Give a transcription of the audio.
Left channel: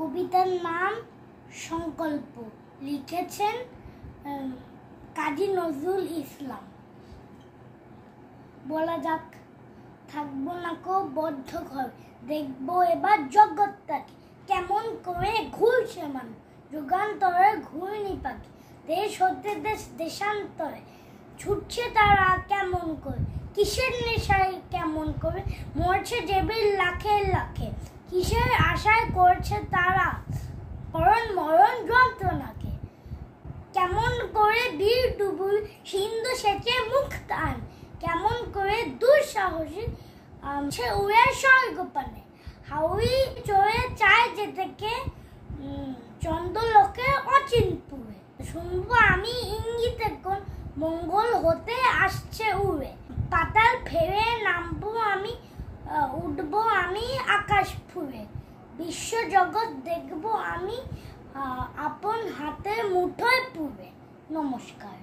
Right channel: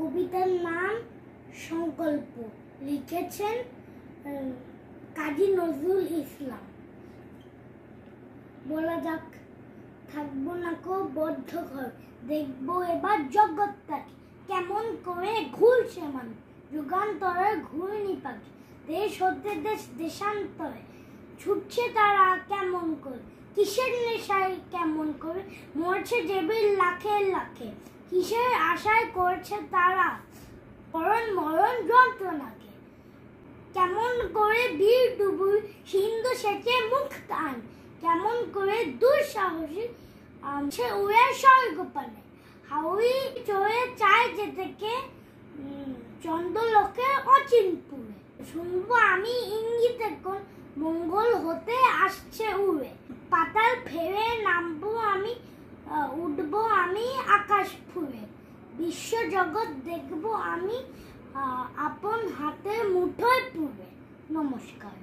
কবিতার নাম সংকল্প, লিখেছেন কাজী নজরুল ইসলাম। বলা যাক, থাকবো না কো বদ্ধ ঘর, দেখবো এবার জগৎটাকে কেমন করে ঘুরছে মানুষ, যুগান্তরের ঘূর্ণি পাখি, দেশ হতে দেশ দেশান্তরে ছুটছে তারা কেমন করে, কিসের নেশায় কেমন করে মরছে জেবের লাখে লাখে, কিসের আশায় করছে তারা মরণ মরণ যন্ত্রণাকে, কেমন করে বীর ডুবুর সিন্ধু সেচে মুখ টান, কেমন করে দুঃসাহসী সে উড়ে স্বর্গপানে, হাওড়ি চড়ে চায় যেতেকে চন্দ্রলোকে অচিনপুরে, শুনবো আমি ইঙ্গিতে কোন মঙ্গল হতে আসছে উড়ে, পাতাল ফেরে নামবো আমি, উঠবো আমি আকাশ ফুরে, বিশ্ব জগৎ দেখবো আমি আপন হাতের মুঠোয় পুরে। নমস্কার।